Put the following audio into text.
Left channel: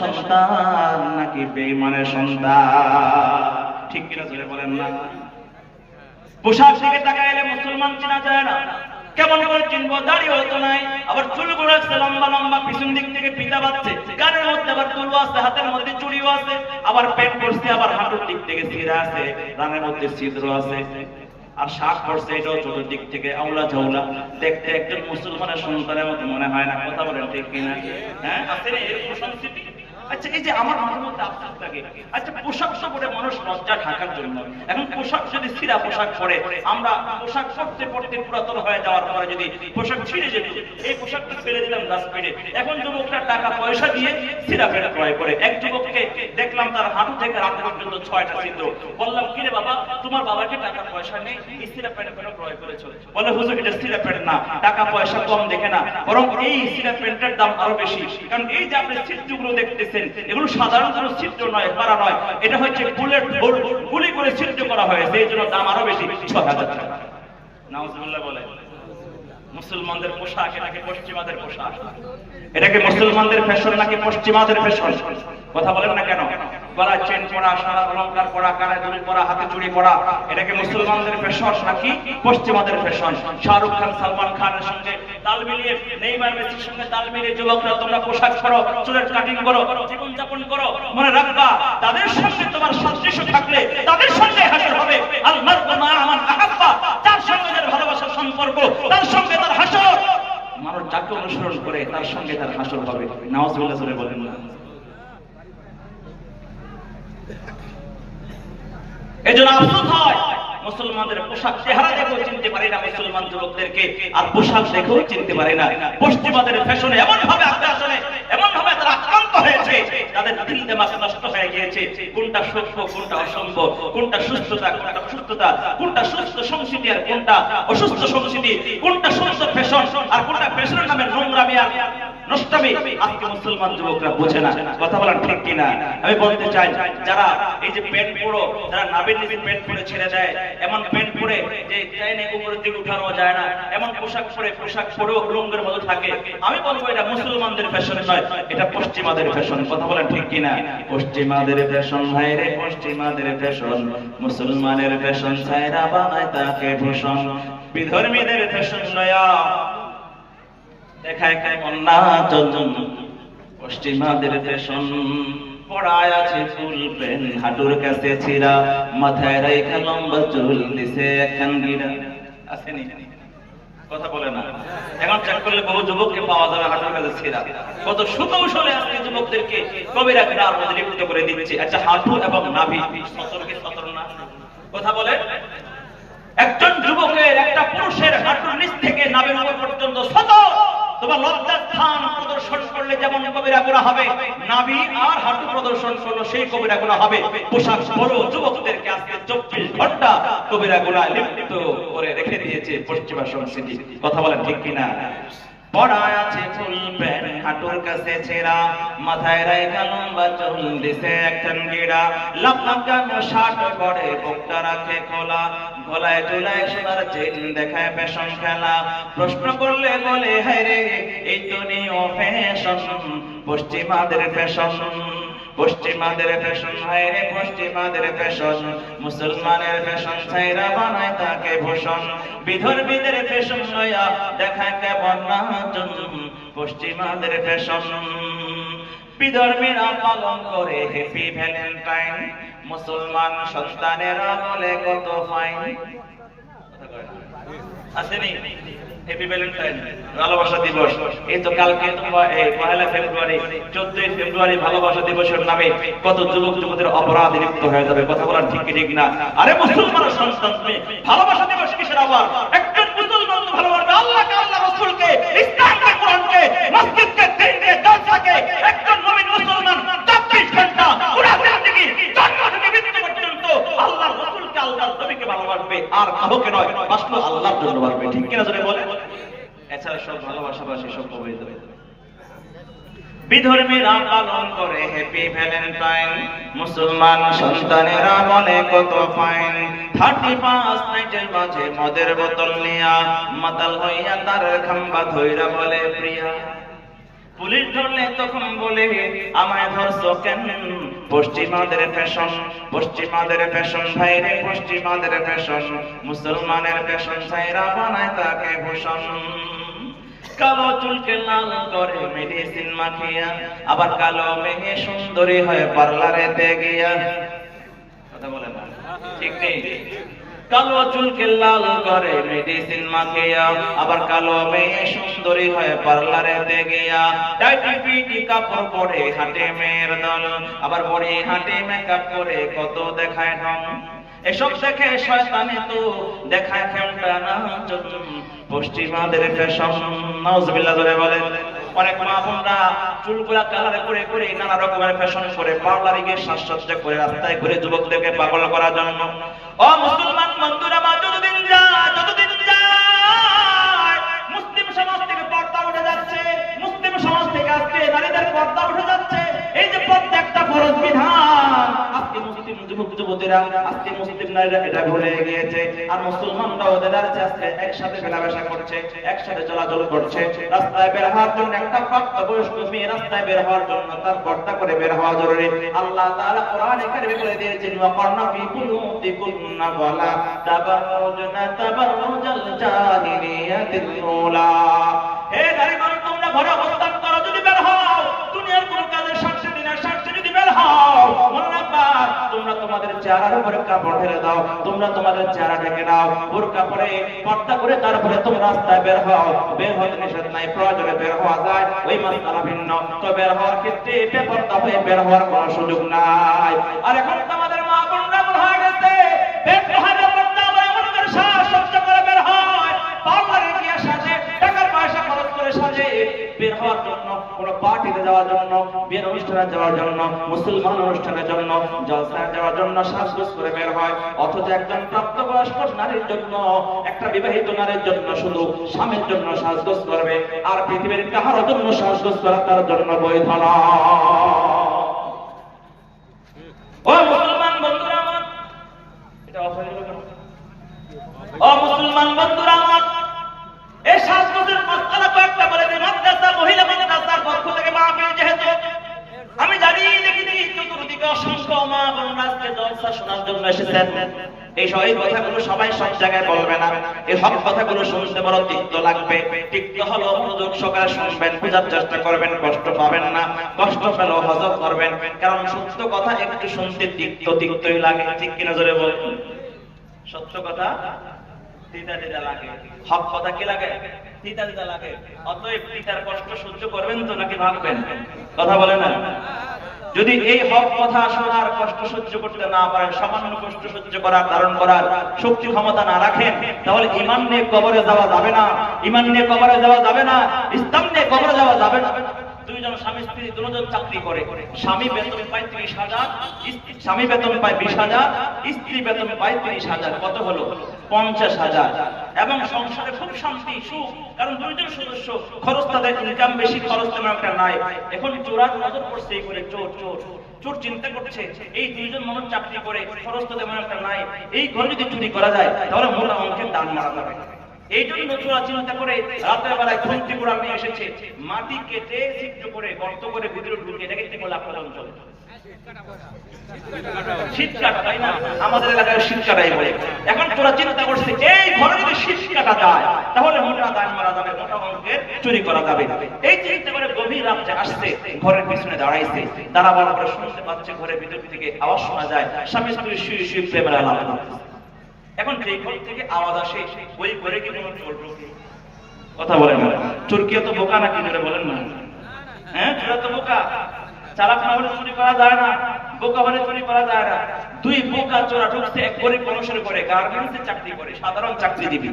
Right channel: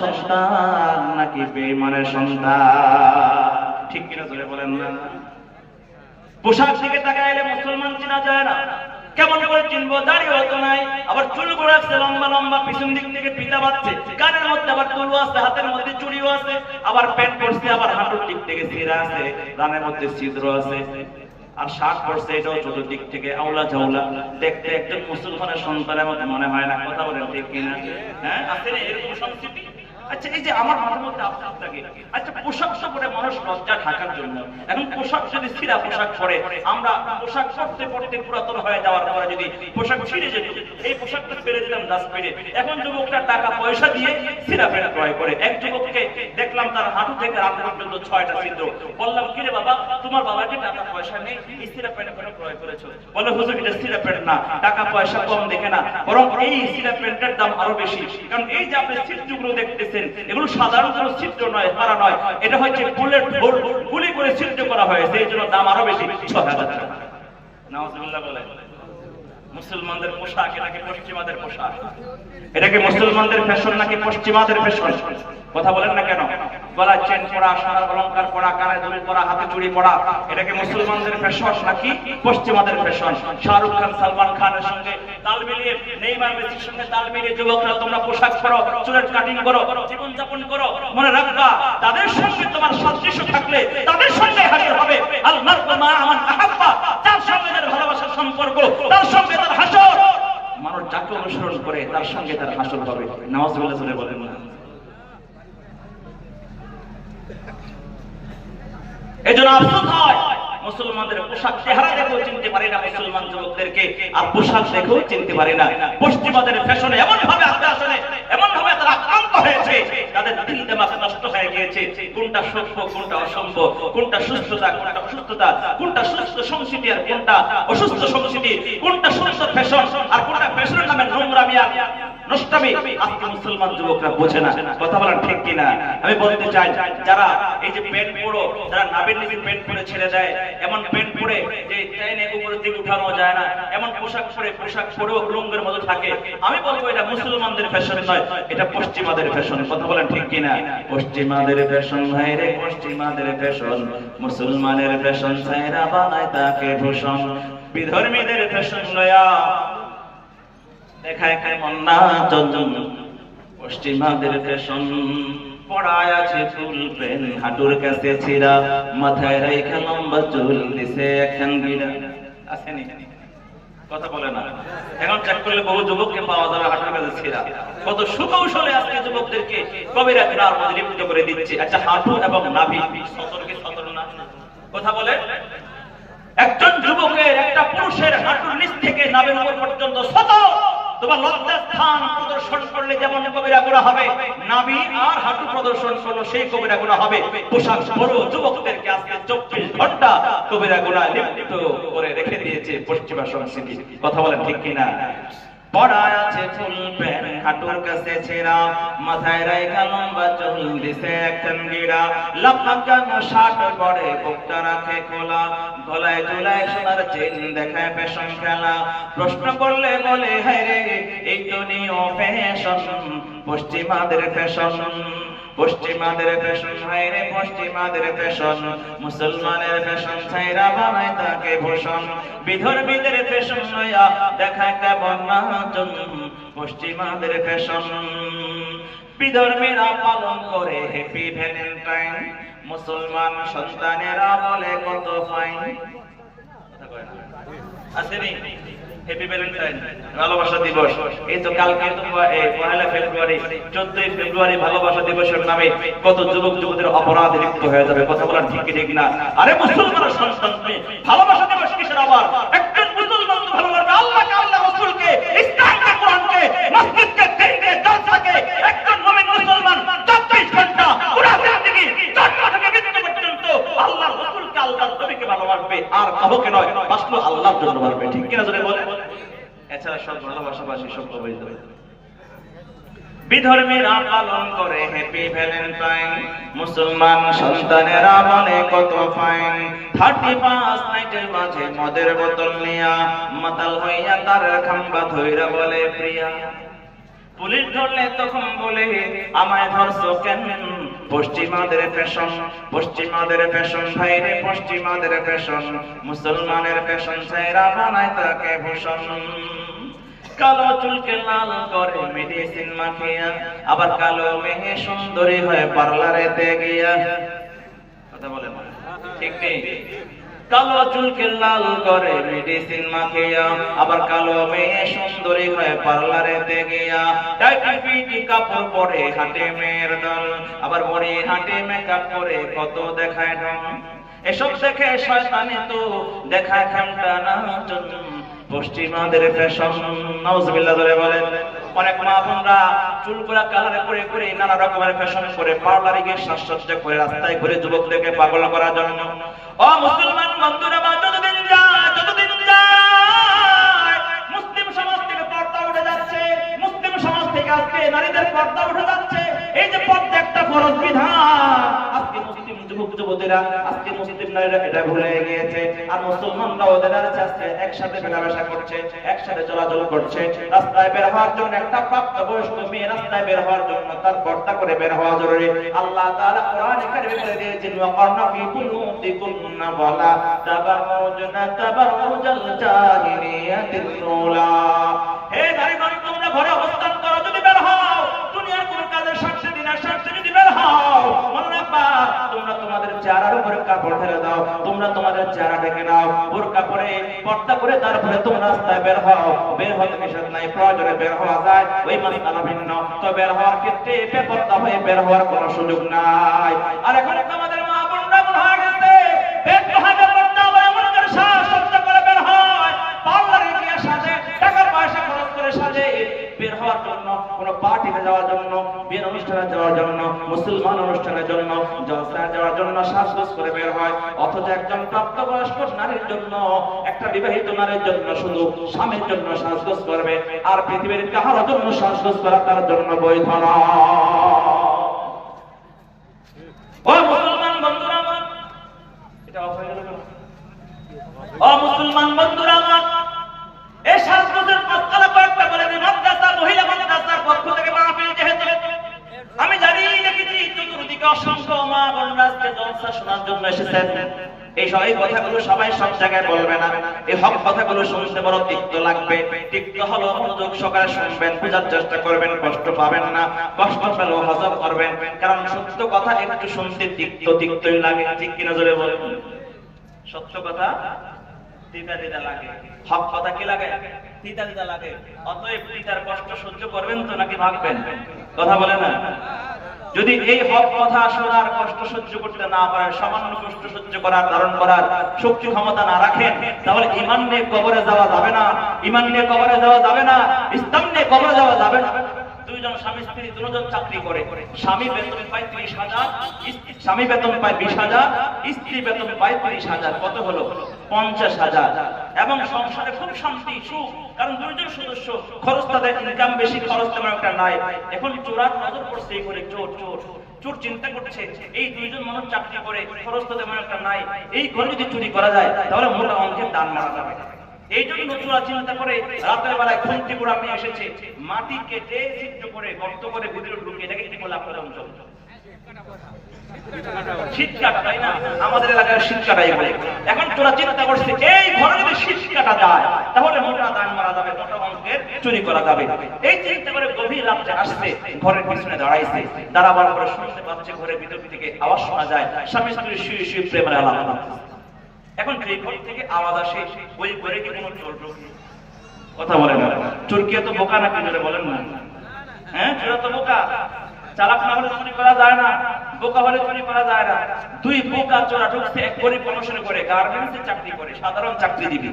সন্তান নাকি বেঈমানের সন্তান? ঠিক কিনা জোরে বলেন না? পোশাক দিকে তাকাইলে মুসলমান চেনা যায় না। কেমন করে চিনবো? দাড়িও তো নাই, আবার চুলগুলো আছে লম্বা লম্বা, পিছন দিক থেকে পিতা বাচ্ছে, কানের মধ্যে আবার তুলো আছে, হাতের মধ্যে চুড়িও আছে, আবার পেট পড়ছে, আবার হাঁটুর দিক থেকে ছিঁড়া আছে, রানের মধ্যে ছিদ্র আছে, আর শাক পড়ছে, এটাও চতুর্দিক থেকে আউলা ঝাউলা। দেখতে একজন মুসলমানের সন্তানের মতো মনে হয় না। কথা বলেন ঠিক কিনা? হ্যাঁ, আছে না এরকম সংস্কৃতি? আচ্ছা, এই যে আমার মাঝে মধ্যে আফসোস লাগে, আচ্ছা পোশাক পরে মানুষ লজ্জা ঢাকার জন্য, এখন পোশাক যদি ছিঁড়া পোশাক পরে, আমরা পোশাক পরতে পরতে পুরাতন হয়ে যাওয়ার পরে যদি পোশাক ছিঁড়ে যেত, এই পোশাকটা ফেলে দিলাম ডাস্টবিনে। এখন যুবকরা টাকা পয়সা দিয়ে ছিঁড়া প্যান্ট ক্রয় করে। এক যুবককে দেখলাম তার হাঁটু থেকে রাতে পর্যন্ত 6টা ছিদ্র। বললাম, কি রে বাবা, তোমার বাবার কি টাকা পয়সা নেই, এই ছিঁড়া প্যান্ট কেন ক্রয় করেছো? বলে, হুজুর এটা ছিঁড়া প্যান্ট না, টাকা পয়সা কম দেখে না, বরং এই ছিঁড়া প্যান্টের দাম আরো বেশি। কারণ এই যে আপনি ছিদ্রগুলো দেখতেছেন, এগুলো সাধারণ কোনো ছিদ্র নয়, মারা নয়, এটা হচ্ছে বুলেট হোল, গুলি করে ছিদ্র করা হয়েছে, এই জন্য দাম আরো বেশি, 6000 টাকা। নাউজুবিল্লাহ বলে। মুসলমানদের পোশাক নাকি পশ্চিমাদের পোশাক? এটাকে মুসলমানদের ফ্যাশন নাকি পশ্চিমাদের ফ্যাশন? কথা বলেন না কেন? গলায় চেন পরা, সোনার অলংকার পরা, কানে দুল পরা, হাতে চুড়ি পরা, এটাকে মুসলমানদের ফ্যাশন নাকি পশ্চিমাদের ফ্যাশন? শাহরুখ খান, সালমান খানের সঙ্গে তাল মিলিয়ে, নেইমার মেসির সঙ্গে তাল মিলিয়ে যুবকরা তোমরা পোশাক পরো, চুলের কাটিং করো, জীবন যাপন করো, মনে রাখবা তাদের সঙ্গে তোমার সাদৃশ্য থাকলে তাদের সঙ্গে হাসর হবে। আল মারউ মা মান আহাব্বা, তার সঙ্গে যার ভালোবাসার সম্পর্ক, তার সঙ্গে তার হাসর। মানুষ যাকে অনুসরণ করে তার সঙ্গে তার হাসর হবে। নাউজুবিল্লাহ বলে বলেন। এজন্য আফসোস হয়, মুসলমানদের পোশাক চেহারা দেখেও চিনতে পারে না মুসলমান যুবকদেরকে, আর পোশাক দেখেও চিনতে পারে না। পশ্চিমাদের ফ্যাশনে এমন ভাবে আগ্রাসনে, এমন ভাবে তারা আক্রান্ত হয়েছে, তাদের দিল দিমাগ নষ্ট হয়ে গিয়েছে। কোনটা সভ্য, কোনটা অসভ্য, কোনটা সুস্থতা, কোনটা অসুস্থতা, কোনটা সুস্থ সংস্কৃতি আর কোনটা অসুস্থ সংস্কৃতি, কোনটা সুস্থ ফ্যাশন আর কোনটা ফ্যাশনের নামে নোংরামি আর নষ্টামি, আজকে মুসলমান যুবকরা বোঝে না। কথা বলেন ঠিক কিনা? আমি বলতে চাই, যারা এই যে প্যান্ট পরো, যারা নাবির নিচে প্যান্ট পরে ছেড়ে দেয়, এমন প্যান্ট পরে যে ট্রেনে উপরের দিকে উঠানো যায় না, এমন পোশাক পরেও উলঙ্গের মতো থাকে, আমি বলবো এটা মুসলমানদের ফ্যাশন নয়, এটা পশ্চিমাদের ফ্যাশন। কথা বলেন ঠিক কিনা? পশ্চিমাদের ফ্যাশন ভাই রে, পশ্চিমাদের ফ্যাশন, মুসলমানের ফ্যাশন ছাইরা বানায় তাকে ভূষণ। বিধর্মীদের ফ্যাশন লয়া দেখায় কেমন নাচন, পশ্চিমাদের ফ্যাশন পড়ায় আছে ফুল প্যান্ট, হাঁটুর কাছে ছিঁড়া, মাথায় রাইখা লম্বা চুল, দিছে একখান গিরা। আসেনি? কথা বলে না। এখন চেক করলে বহু যুবককে পাওয়া যাবে হাঁটুর কাছে ছিঁড়া। কত সুকৌশলে আজকে যুবকদেরকে কবিরা গিরার মধ্যে লিপ্ত করে দিচ্ছে। আচ্ছা, হাঁটু এবং নাভি সতর্কে সতর্ক না? কথা বলে। একজন যুবকের, একটা পুরুষের হাঁটুর নিচ থেকে নাভির উপর পর্যন্ত সতর্ক, তোমার লজ্জার স্থান প্রদর্শন করলে যেমন কবিরা গুনাহ হবে, নাভি আর হাঁটু প্রদর্শন করলে সেই কবিরা গুনাহ হবে। পোশাক পরো যুবকদেরকে আজকে 24 ঘন্টা কবিরা গুনাহ লিপ্ত করে রেখে দিয়েছে পশ্চিমা সংস্কৃতি। কথা বলেন ঠিক কিনা? পড়ায় আছে ফুল প্যান্ট, হাঁটুর কাছে ছেঁড়া, মাথায় রাইখা লম্বা চুল, দিছে একখান গিরা, লাফাকানো শার্ট পরে, বুকটা রাখে খোলা, গলায় ঝুলায় সোনার চেন, দেখায় ফ্যাশন খেলা। প্রশ্ন করলে বলে, হায় রে এই তো নিও ফ্যাশন, পশ্চিমাদের ফ্যাশন, পশ্চিমাদের ফ্যাশন, হায় রে পশ্চিমাদের ফ্যাশন, মুসলমানের ফ্যাশন ছাইরা বানায় তাকে ভূষণ। বিধর্মীদের ফ্যাশন লইয়া দেখায় কেমন নাচন, পশ্চিমাদের ফ্যাশন। বিধর্মীরা পালন করে হ্যাপি ভ্যালেন্টাইন, মুসলমান সন্তানেরা বলে কত ফাইন। আসেনি হ্যাপি ভ্যালেন্টাইন, ভালোবাসা দিবস? এই তো কালকে পহেলা ফেব্রুয়ারি, 14 ফেব্রুয়ারি ভালোবাসা দিবসের নামে কত যুবক যুবতীর অপরাধে লিপ্ত হয়ে যাবে। কথা বলার ঠিক ঠিক না? আরে মুসলমানের সন্তান ভালোবাসা দিবস কিসের আবার? একজন মুসলমান তো ভালোবাসবে আল্লাহকে, আল্লাহ রাসূলকে, ইসলামকে, কোরআনকে, মসজিদকে, দিনকে, জলসাকে। একজন মুমিন মুসলমান 24 ঘন্টা পুরো জিন্দেগি জন্ম থেকে মৃত্যু পর্যন্ত আল্লাহর রাসূলকে, আল্লাহর নবীকে ভালোবাসবে, আর কাউকে নয়, বাসলো আল্লাহর জন্য বাসবে। ঠিক কিনা যদি বলে? এছাড়া সব ভালোবাসাবাসী সব অবৈধ। বিধর্মীরা পালন করে হ্যাপি ভ্যালেন্টাইন, মুসলমান সন্তানেরা বলে কত ফাইন। 35 নাইটের মাঝে মদের বোতল নিয়া, মাতাল হইয়া তার খাম্বা ধইরা বলে প্রিয়া। পুলিশ ধরলে তখন বলে আমায় ধরছো কেন? পশ্চিমাদের ফ্যাশন, পশ্চিমাদের ফ্যাশন ভাইরে, পশ্চিমাদের ফ্যাশন, মুসলমানের ফ্যাশন ছাইরা বানায় তাকে ভূষণ। কালো চুলকে লাল করে মেডিসিন মাখিয়া, আবার কালো মেয়ে সুন্দরী হয় পার্লারেতে গিয়া। কথা বলে না ঠিক নেই? কালো চুলকে লাল করে মেডিসিন মাখিয়া, আবার কালো মেয়ে সুন্দরী হয় পার্লারেতে গিয়া। টাইটি ফিটি কাপড় পরে হাঁটে মেয়ের দল, আবার বড়ি হাঁটে মেকআপ করে কত দেখায় ঢং। এসব দেখে শয়তানে তো দেখায় খেমটা না চুন। পশ্চিমাদের ফ্যাশন, নাউজুবিল্লাহ ধরে বলে। অনেক মা বোনরা চুলগুলা কালার করে করে নানা রকমের ফ্যাশন করে পার্লারে গিয়ে সাজসজ্জা করে রাস্তায় ঘুরে যুবকদেরকে পাগল করার জন্য। ও মুসলমান বন্ধুরা, যতদিন যায় মুসলিম সমাজ থেকে পর্দা উঠে যাচ্ছে, মুসলিম সমাজ থেকে আজকে নারীদের পর্দা উঠে যাচ্ছে। এই যে পর্দা একটা ফরজ বিধান, আজকে মুসলিম যুবক যুবতীরা, আজকে মুসলিম নারীরা এটা ভুলে গিয়েছে। আর মুসলমানরা ওদের কাছে একসাথে মেলামেশা করছে, একসাথে চলাচল করছে। রাস্তায় বের হওয়ার জন্য একটা প্রাপ্তবয়স্ক মেয়ে রাস্তায় বের হওয়ার জন্য তার পর্দা করে বের হওয়া জরুরি। আল্লাহ তাআলা কোরআনে কারিমে বলে দিয়েছেন, ওয়াকারনা ফি বুয়ুতিকুন্না ওয়ালা তাবাররুজনা তাবাররুজাল জাহিলিয়াতিল উলা। হে নারীগণ, তোমরা ঘরে অবস্থান করো, যদি বের হও দুনিয়ার কোন কাজের সাক্ষী দিনা সাক্ষী যদি বের হও, মনে রাখবা তোমরা তোমাদের চেহারার উপরে কাপড় ঢেলে দাও, তোমরা তোমাদের চেহারা ঢেকে দাও, বোরকা পরে পর্দা করে তারপরে তোমরা রাস্তায় বের হও। বের হতে নিষেধ নাই, প্রয়োজনে বের হওয়া যায়, ওই মাসআলা ভিন্ন। তো বের হওয়ার ক্ষেত্রে বেপর্দা হয়ে বের হওয়ার কোনো সুযোগ নাই। আর এখন তো আমাদের মা বোনরা হয়ে গেছে বেপর্দা হয়ে আমাদের সাজসজ্জা করে বের হয়, পার্লারে গিয়ে সাজে, টাকা পয়সা খরচ করে সাজে বের হওয়ার জন্য, কোনো পার্টিতে যাওয়ার জন্য, বিয়ের অনুষ্ঠানে যাওয়ার জন্য, মুসলমান অনুষ্ঠানের জন্য, জলসায় যাওয়ার জন্য সাজগোজ করে বের হয়। অথচ একজন প্রাপ্তবয়স্ক নারীর জন্য, একটা বিবাহিত নারীর জন্য শুধু স্বামীর জন্য সাজগোজ করবে, আর পৃথিবীর কাহার জন্য সাজগোজ করা তার জন্য বৈধ নয়। ও মুসলমান বন্ধুরা আমার, এটা অফার হলো। ও মুসলমান বন্ধুরা আমার, এই সাজগোজের মাসআলা কয়েকটা বলে দিই। মাদ্রাসা, মহিলা মাদ্রাসার পক্ষ থেকে মাহফিল যেহেতু আমি জানি, দেখেছি চতুর্দিকে অসংখ্য মা বোনরা আজকে জলসা শোনার জন্য এসেছেন। এই কথাগুলো সবাই সব জায়গায় বলবে না। এই সব কথাগুলো শুনতে বড় তিক্ত লাগবে। তিক্ত হলো মনোযোগ সহকারে শুনবেন, বোঝার চেষ্টা করবেন, কষ্ট পাবেন না। কষ্ট পেলেও হজম করবেন, কারণ সত্য কথা একটু শুনতে তিক্ত তিক্তই লাগে। ঠিক কিনা জোরে বলুন? সত্য কথা তিতা তিতা লাগে, হক কথা কি লাগে? তিতা তিতা লাগে। অতএব তিতার কষ্ট সহ্য করবেন তো নাকি ভাগবেন? কথা বলে না। যদি এই হক কথা শোনার কষ্ট সহ্য করতে না পারেন, সামান্য কষ্ট সহ্য করার ধারণ করার শক্তি ক্ষমতা না রাখেন, তাহলে ঈমান নিয়ে কবরে যাওয়া যাবে না। ঈমান নিয়ে কবরে যাওয়া যাবে না, ইসলাম নিয়ে কবরে যাওয়া যাবে না। দুইজন স্বামী স্ত্রী দুজন চাকরি করে, স্বামী বেতন পায় 30,000, স্বামী বেতন পায় 20,000, স্ত্রী বেতন পায় 30,000। কত হলো? 50,000। এবং সংসারে খুব শান্তি সুখ, কারণ দুইজন সদস্য, খরচ তাদের ইনকাম বেশি, খরচ তেমন একটা নাই। এখন চোরার নজর পড়ছে, এই করে চোর চোর চোর চিন্তা করছে এই দুইজন মানুষ চাকরি করে, খরচ তো তেমন একটা নাই, এই ঘরে যদি চুরি করা যায় তাহলে মোটা অঙ্কের দান মারা যাবে। এই জন্য চোরা চিন্তা করে রাতের বেলায় খুন্তি গুড়া নিয়ে এসেছে, মাটি কেটে ছিদ্র করে গর্ত করে ভিতরে ঢুকিয়ে, দেখে কি বলে আপনার অঞ্চল শীত কাটা, তাই না? আমাদের এলাকায় শীত কাটাই বলে। এখন তোরা চিন্তা করছে এই ঘরে যদি শীত কাটা যায় তাহলে মোটা দান মারা যাবে, মোটা অঙ্কের চুরি করা যাবে। এই চিন্তা করে গভীর রাত্রে আসছে, ঘরের পিছনে দাঁড়াইছে, দাঁড়াবার পরে শুনতে পাচ্ছে ঘরের ভিতর থেকে আওয়াজ শোনা যায়, স্বামী স্ত্রী শুয়ে শুয়ে প্রেমের আলাপ করছে। এখন যে ঘর থেকে আওয়াজ আসে ওই ঘরে কি কোনো চোর ঢোকে? কথা বলেন না। চোর কি এত বোকা নাকি? জোরে বলেন না। হ্যাঁ, চোরা তো বোকা। চালাক না হলে চুরি করা যায় না, বোকা হলে চুরি করা যায় না। দুই বোকা চোরা ঢুকছে এক গরিব মানুষের ঘরে, গার্মেন্টসে চাকরি করে, সাধারণ চাকরিজীবী।